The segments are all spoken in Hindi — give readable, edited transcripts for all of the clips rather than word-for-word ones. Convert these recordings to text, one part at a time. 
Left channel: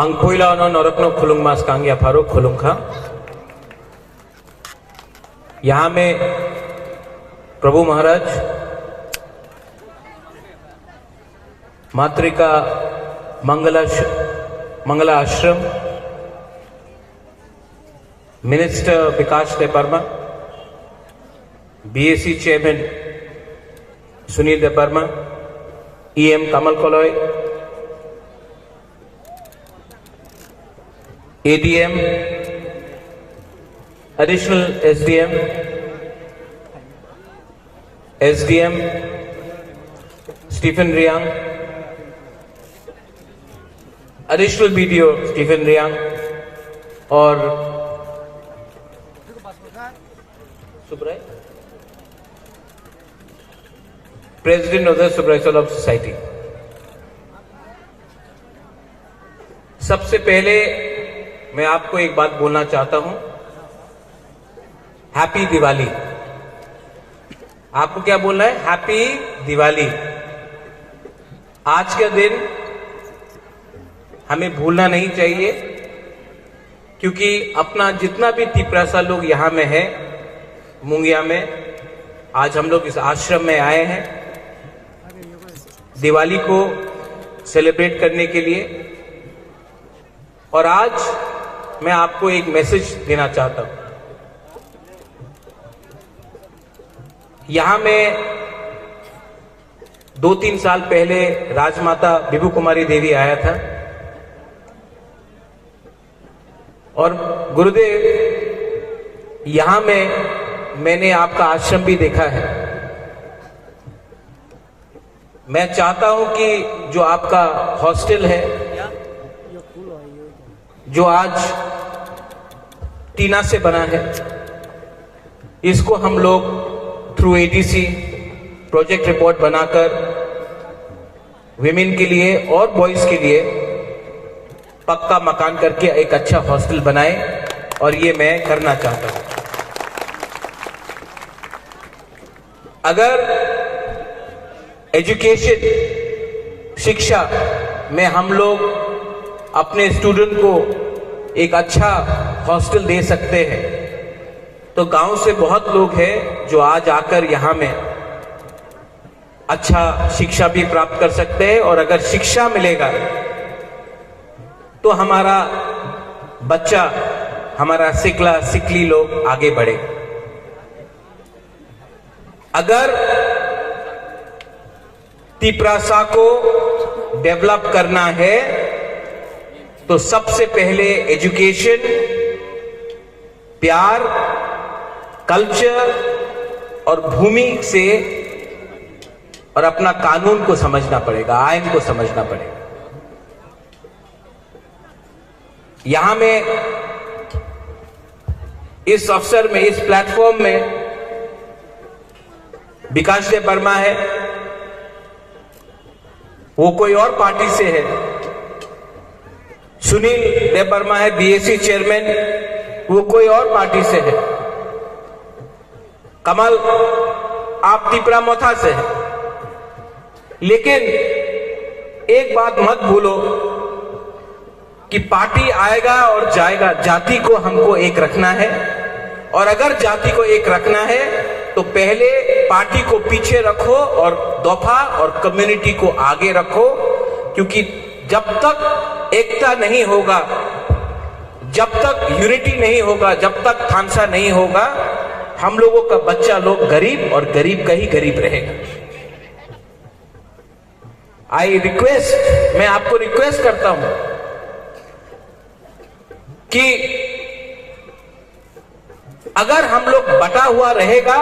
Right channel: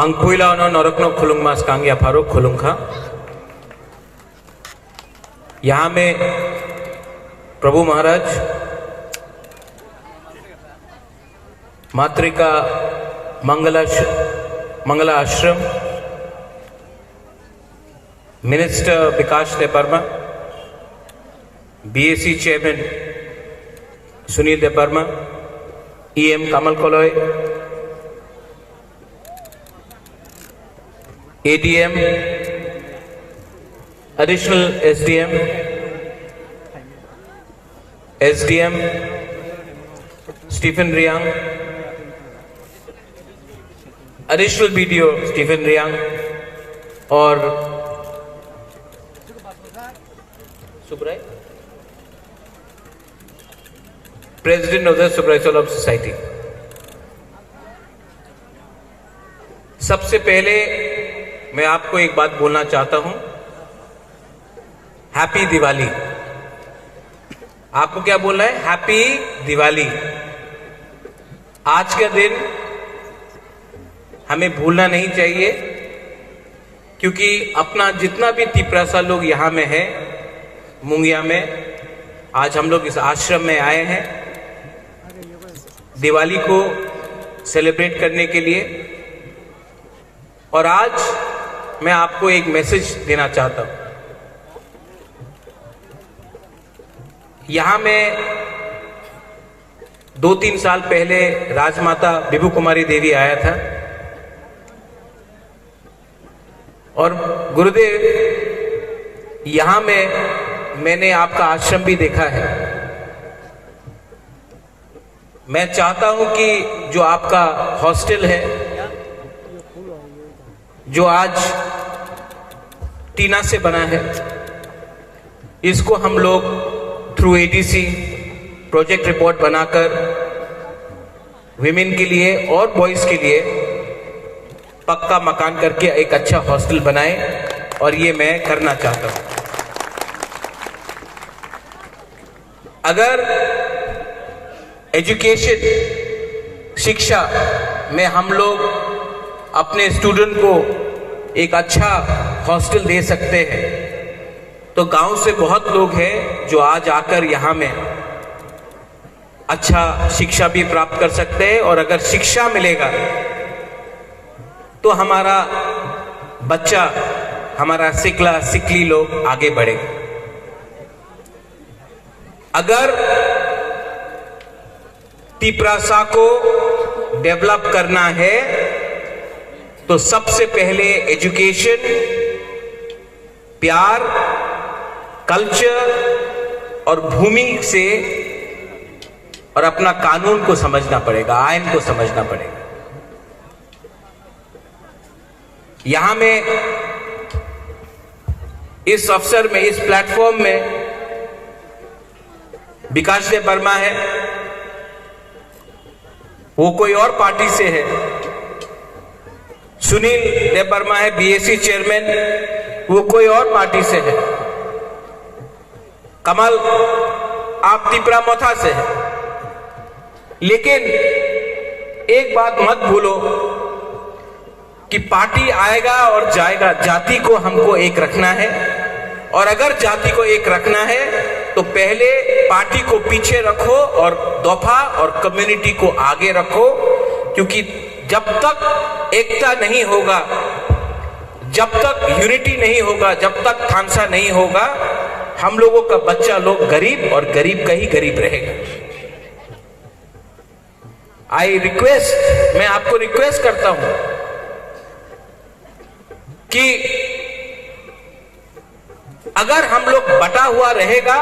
Angpuilano Norakno खुलुंग मास कांग्या फारो खुलुंग खा। यहाँ में प्रभु महाराज मातृका मंगला आश्रम minister Vikas Debbarma, BAC chairman Sunil Debbarma, EM Kamal Koloy, ADM, additional SDM, SDM Stephen Reang, additional BDO Stephen Reang और Subrai, president of the Subrai solar society. सबसे पहले मैं आपको एक बात बोलना चाहता हूं, हैप्पी दिवाली। आपको क्या बोलना है? हैप्पी दिवाली। आज का दिन हमें भूलना नहीं चाहिए, क्योंकि अपना जितना भी तिपरासा लोग यहां में है मुंगिया में, आज हम लोग इस आश्रम में आए हैं दिवाली को सेलिब्रेट करने के लिए। और आज मैं आपको एक मैसेज देना चाहता हूं। यहां में 2-3 साल पहले राजमाता विभू कुमारी देवी आया था और गुरुदेव यहां में मैंने आपका आश्रम भी देखा है। मैं चाहता हूं कि जो आपका हॉस्टल है, जो आज टीना से बना है, इसको हम लोग थ्रू एडीसी प्रोजेक्ट रिपोर्ट बनाकर विमेन के लिए और बॉयज के लिए पक्का मकान करके एक अच्छा हॉस्टल बनाए, और ये मैं करना चाहता हूं। अगर एजुकेशन शिक्षा में हम लोग अपने स्टूडेंट को एक अच्छा हॉस्टल दे सकते हैं, तो गांव से बहुत लोग हैं जो आज आकर यहां में अच्छा शिक्षा भी प्राप्त कर सकते हैं। और अगर शिक्षा मिलेगा तो हमारा बच्चा, हमारा सिकली लोग आगे बढ़ेगा। अगर तिपरासा को डेवलप करना है तो सबसे पहले एजुकेशन, प्यार, कल्चर और भूमि से और अपना कानून को समझना पड़ेगा, आइन को समझना पड़ेगा। यहां में इस अवसर में, इस प्लेटफॉर्म में विकास देव वर्मा है, वो कोई और पार्टी से है। सुनील देव वर्मा है, बीएसी चेयरमैन, वो कोई और पार्टी से है। कमल आप तिपरा मोथा से है। लेकिन एक बात मत भूलो कि पार्टी आएगा और जाएगा, जाति को हमको एक रखना है। और अगर जाति को एक रखना है तो पहले पार्टी को पीछे रखो और दफा और कम्युनिटी को आगे रखो, क्योंकि जब तक एकता नहीं होगा, जब तक यूनिटी नहीं होगा, जब तक खानसा नहीं होगा, हम लोगों का बच्चा लोग गरीब और गरीब का ही गरीब रहेगा। मैं आपको रिक्वेस्ट करता हूं कि अगर हम लोग बटा हुआ रहेगा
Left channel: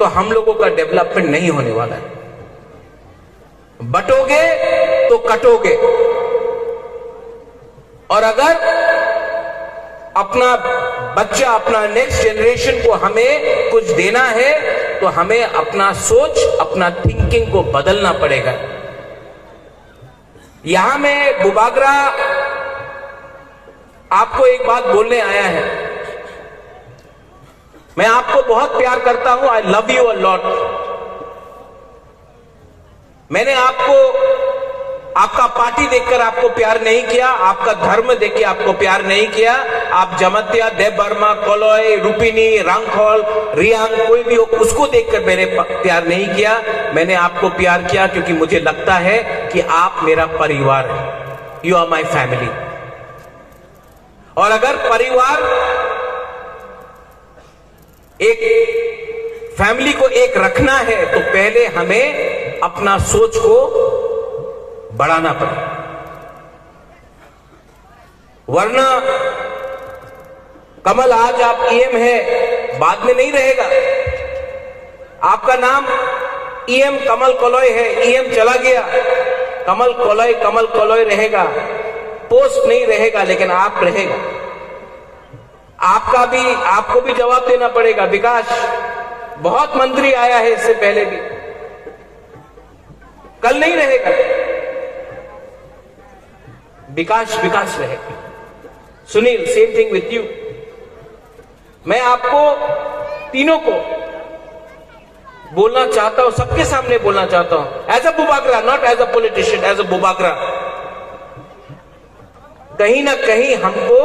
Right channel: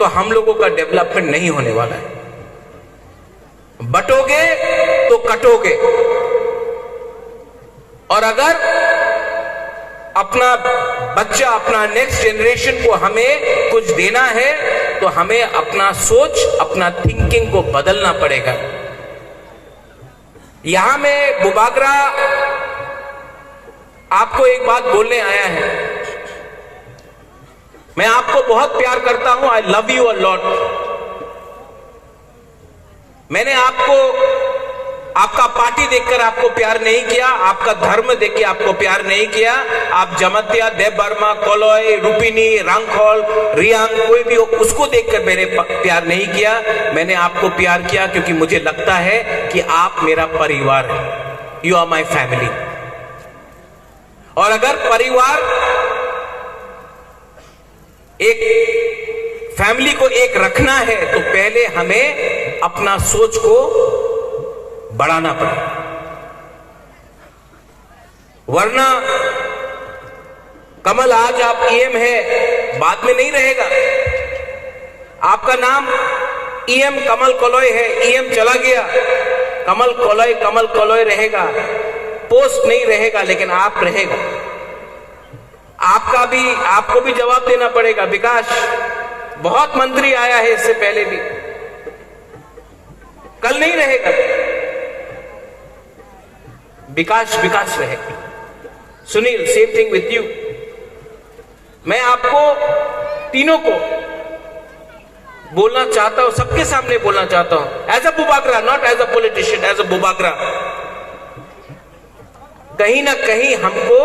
तो हम लोगों का डेवलपमेंट नहीं होने वाला है। बटोगे तो कटोगे। और अगर अपना बच्चा, अपना नेक्स्ट जनरेशन को हमें कुछ देना है तो हमें अपना सोच, अपना थिंकिंग को बदलना पड़ेगा। यहां में बुबागरा आपको एक बात बोलने आया है। मैं आपको बहुत प्यार करता हूं, आई लव यू अ लॉट। मैंने आपको आपका पार्टी देखकर आपको प्यार नहीं किया, आपका धर्म देख के आपको प्यार नहीं किया, आप जमत्या, देव बर्मा, कोलोय, रूपिनी, रांगखोल, रियांग, कोई भी हो, उसको देखकर मैंने प्यार नहीं किया। मैंने आपको प्यार किया क्योंकि मुझे लगता है कि आप मेरा परिवार है। You are my family. और अगर परिवार, एक फैमिली को एक रखना है तो पहले हमें अपना सोच को बढ़ाना पड़ेगा, वरना कमल आज आप ईएम है, बाद में नहीं रहेगा। आपका नाम ईएम कमल कोलोय है, ईएम चला गया, कमल कोलोय रहेगा, पोस्ट नहीं रहेगा, लेकिन आप रहेगा। आपको भी जवाब देना पड़ेगा। विकास, बहुत मंत्री आया है इससे पहले भी, कल नहीं रहेगा। विकास रहेगा। Sunil, same thing with you. मैं आपको तीनों को बोलना चाहता हूं, सबके सामने बोलना चाहता हूं, as a Bubagra, not as a politician, as a Bubagra. कहीं ना कहीं हमको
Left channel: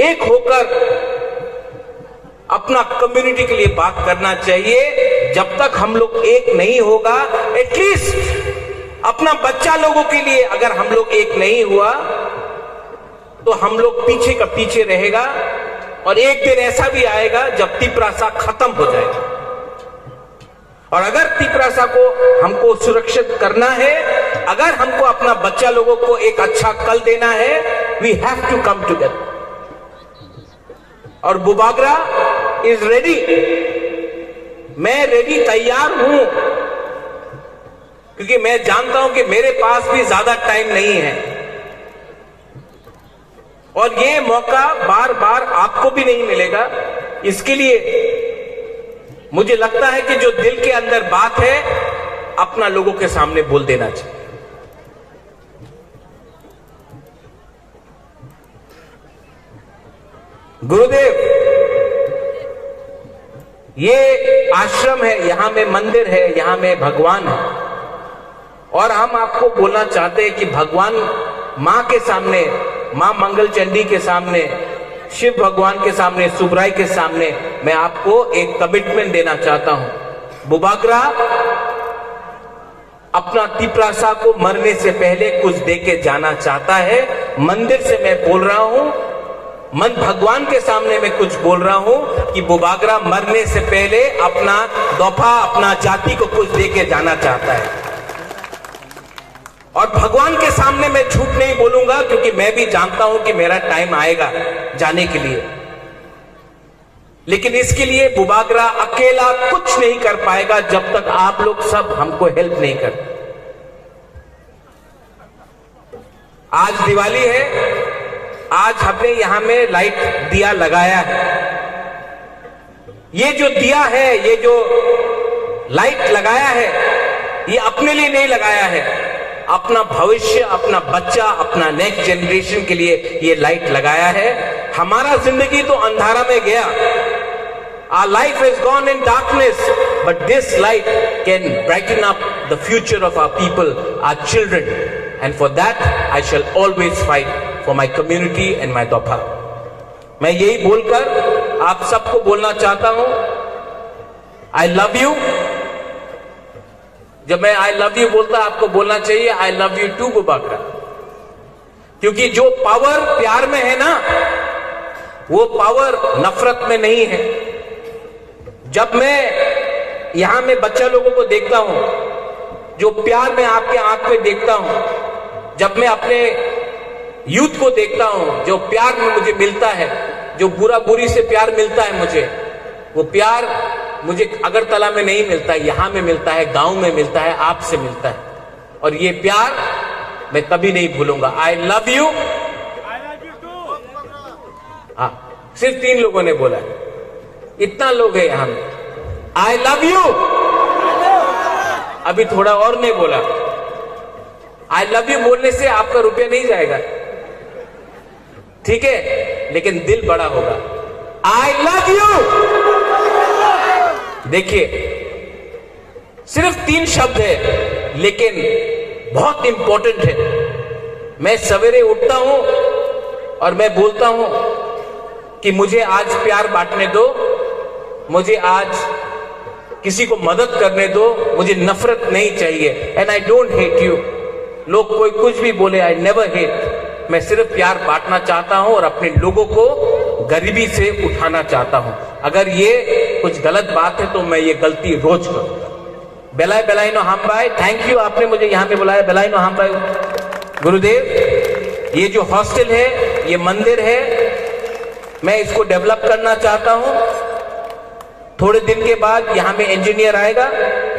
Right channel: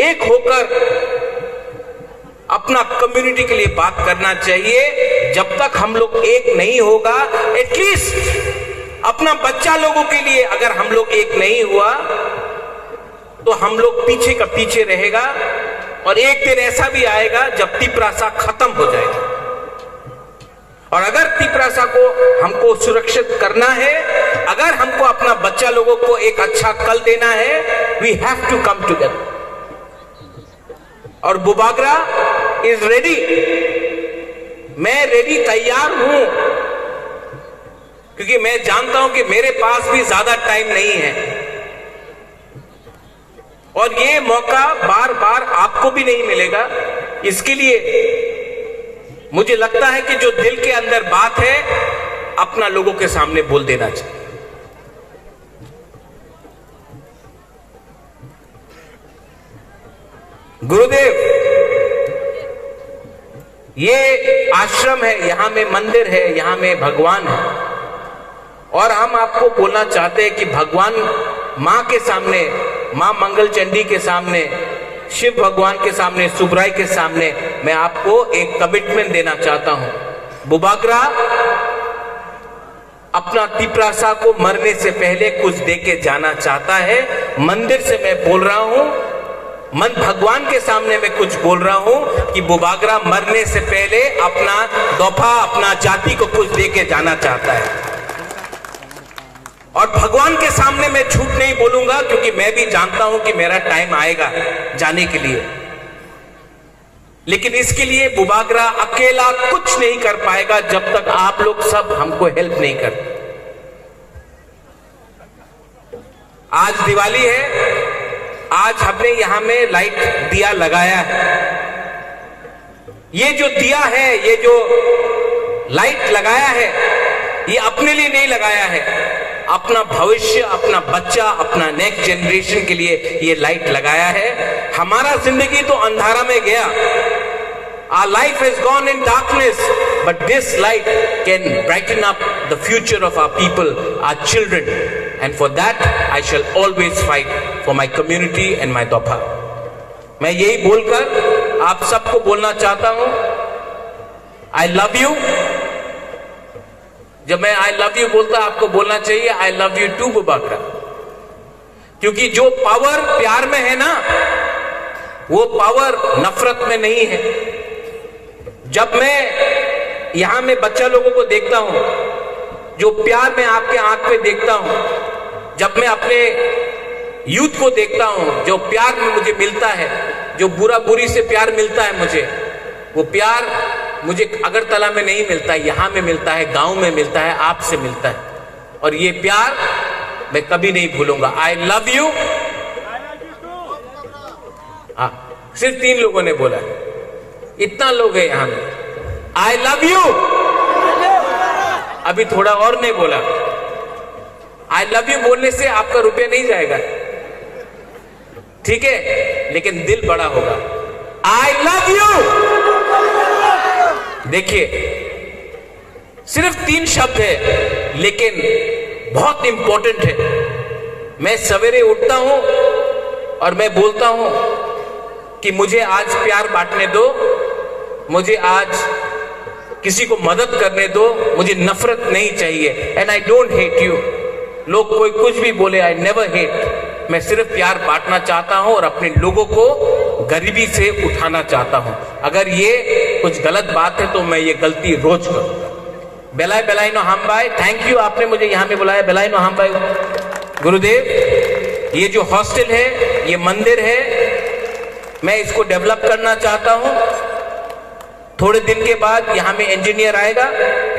एक होकर अपना कम्युनिटी के लिए बात करना चाहिए। जब तक हम लोग एक नहीं होगा, एटलीस्ट अपना बच्चा लोगों के लिए अगर हम लोग एक नहीं हुआ तो हम लोग पीछे का पीछे रहेगा। और एक दिन ऐसा भी आएगा जब तिपरासा खत्म हो जाएगा। और अगर तिपरासा को हमको सुरक्षित करना है, अगर हमको अपना बच्चा लोगों को एक अच्छा कल देना है, we have to come together. और बुबागरा इज रेडी, मैं रेडी, तैयार हूं, क्योंकि मैं जानता हूं कि मेरे पास भी ज्यादा टाइम नहीं है और ये मौका बार बार आपको भी नहीं मिलेगा। इसके लिए मुझे लगता है कि जो दिल के अंदर बात है अपना लोगों के सामने बोल देना चाहिए। गुरुदेव, ये आश्रम है, यहां में मंदिर है, यहां में भगवान है। और हम आपको बोलना चाहते हैं कि भगवान मां के सामने, मां मंगल चंडी के सामने, शिव भगवान के सामने, सुबराय के सामने मैं आपको एक कमिटमेंट देना चाहता हूं। बुबागरा अपना तिपरासा को मरने से पहले कुछ देके जाना चाहता है। मंदिर से मैं बोल रहा हूं, मन भगवान के सामने मैं कुछ बोल रहा हूं कि बुबागरा मरने से पहले अपना दफा, अपना जाति को कुछ देके जाना चाहता है। और भगवान के सामने मैं झूठ नहीं बोलूंगा, क्योंकि मैं भी जानता हूं कि मेरा टाइम आएगा जाने के लिए। लेकिन इसके लिए बुबागरा अकेला कुछ नहीं कर पाएगा जब तक आप लोग सब हमको हेल्प नहीं करते। आज दिवाली है, आज हमने यहां में लाइट दिया लगाया है। ये जो दिया है, ये जो लाइट लगाया है, ये अपने लिए नहीं लगाया है, अपना भविष्य, अपना बच्चा, अपना नेक्स्ट जनरेशन के लिए ये लाइट लगाया है। हमारा जिंदगी तो अंधारा में गया, our life has gone in darkness, but this light can brighten up the future of our people, our children, and for that I shall always fight for my community and my dopa। मैं यही बोलकर आप सबको बोलना चाहता हूं, I love you। जब मैं आई लव यू बोलता, आपको बोलना चाहिए I love you too Bubagra, क्योंकि जो पावर प्यार में है ना, वो पावर नफरत में नहीं है। जब मैं यहां में बच्चा लोगों को देखता हूं, जो प्यार मैं आपके आंख में देखता हूं, जब मैं अपने यूथ को देखता हूं, जो प्यार मुझे मिलता है, जो बुरी से प्यार मिलता है मुझे, वो प्यार मुझे अगरतला में नहीं मिलता है, यहां में मिलता है, गांव में मिलता है, आपसे मिलता है। और ये प्यार मैं कभी नहीं भूलूंगा। आई लव यू। हाँ, सिर्फ 3 लोगों ने बोला, इतना लोग है यहां में। आई लव यू। अभी थोड़ा और नहीं बोला। आई लव यू बोलने से आपका रुपया नहीं जाएगा, ठीक है, लेकिन दिल बड़ा होगा। आई लव यू। देखिए, सिर्फ 3 शब्द है, लेकिन बहुत इंपॉर्टेंट है। मैं सवेरे उठता हूं और मैं बोलता हूं कि मुझे आज प्यार बांटने दो, मुझे आज किसी को मदद करने दो, मुझे नफरत नहीं चाहिए। And I don't hate you. लोग कोई कुछ भी बोले, आई नेवर हेट। मैं सिर्फ प्यार बांटना चाहता हूं और अपने लोगों को गरीबी से उठाना चाहता हूं। अगर ये कुछ गलत बात है तो मैं ये गलती रोज करूंगा। बेलाय बेलायनो हमबाय, थैंक यू, आपने मुझे यहां पे बुलाया। बेलायनो हमबाय गुरुदेव, ये जो हॉस्टल है, ये मंदिर है, मैं इसको डेवलप करना चाहता हूं। थोड़े दिन के बाद यहां में इंजीनियर आएगा,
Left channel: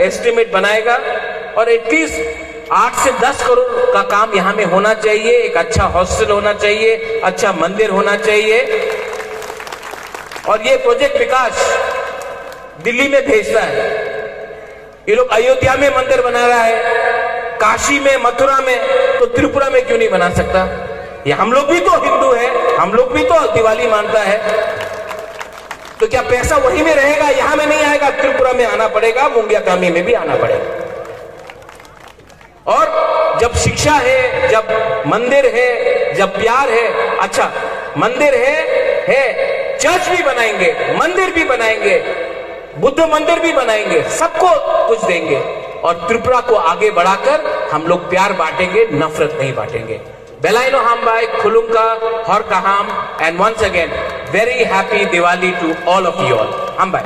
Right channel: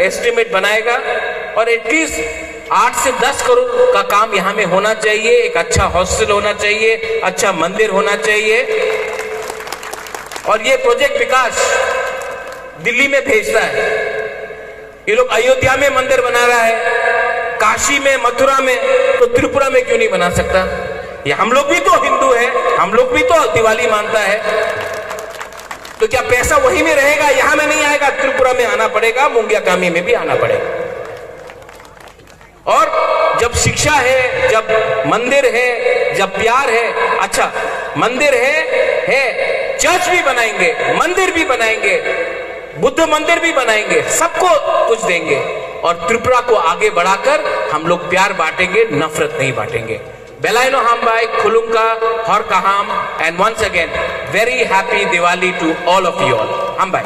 एस्टिमेट बनाएगा और एटलीस्ट 8 से 10 करोड़ का काम यहां में होना चाहिए। एक अच्छा हॉस्टल होना चाहिए, अच्छा मंदिर होना चाहिए। और ये प्रोजेक्ट विकास दिल्ली में भेजता है। ये लोग अयोध्या में मंदिर बना रहा है, काशी में, मथुरा में, तो त्रिपुरा में क्यों नहीं बना सकता? ये हम लोग भी तो हिंदू है, हम लोग भी तो दिवाली मानता है, तो क्या पैसा वहीं में रहेगा, यहां में नहीं आएगा? त्रिपुरा में आना पड़ेगा, मुंगियाकामी में भी आना पड़ेगा। और जब शिक्षा है, जब मंदिर है, जब प्यार है, अच्छा मंदिर है, चर्च भी बनाएंगे, मंदिर भी बनाएंगे, बुद्ध मंदिर भी बनाएंगे, सबको कुछ देंगे और त्रिपुरा को आगे बढ़ाकर हम लोग प्यार बांटेंगे, नफरत नहीं बांटेंगे। बेलायनो हमबाय, खुलुंका, हर कहाम, and once again very happy Diwali to all of you all. हमबाय।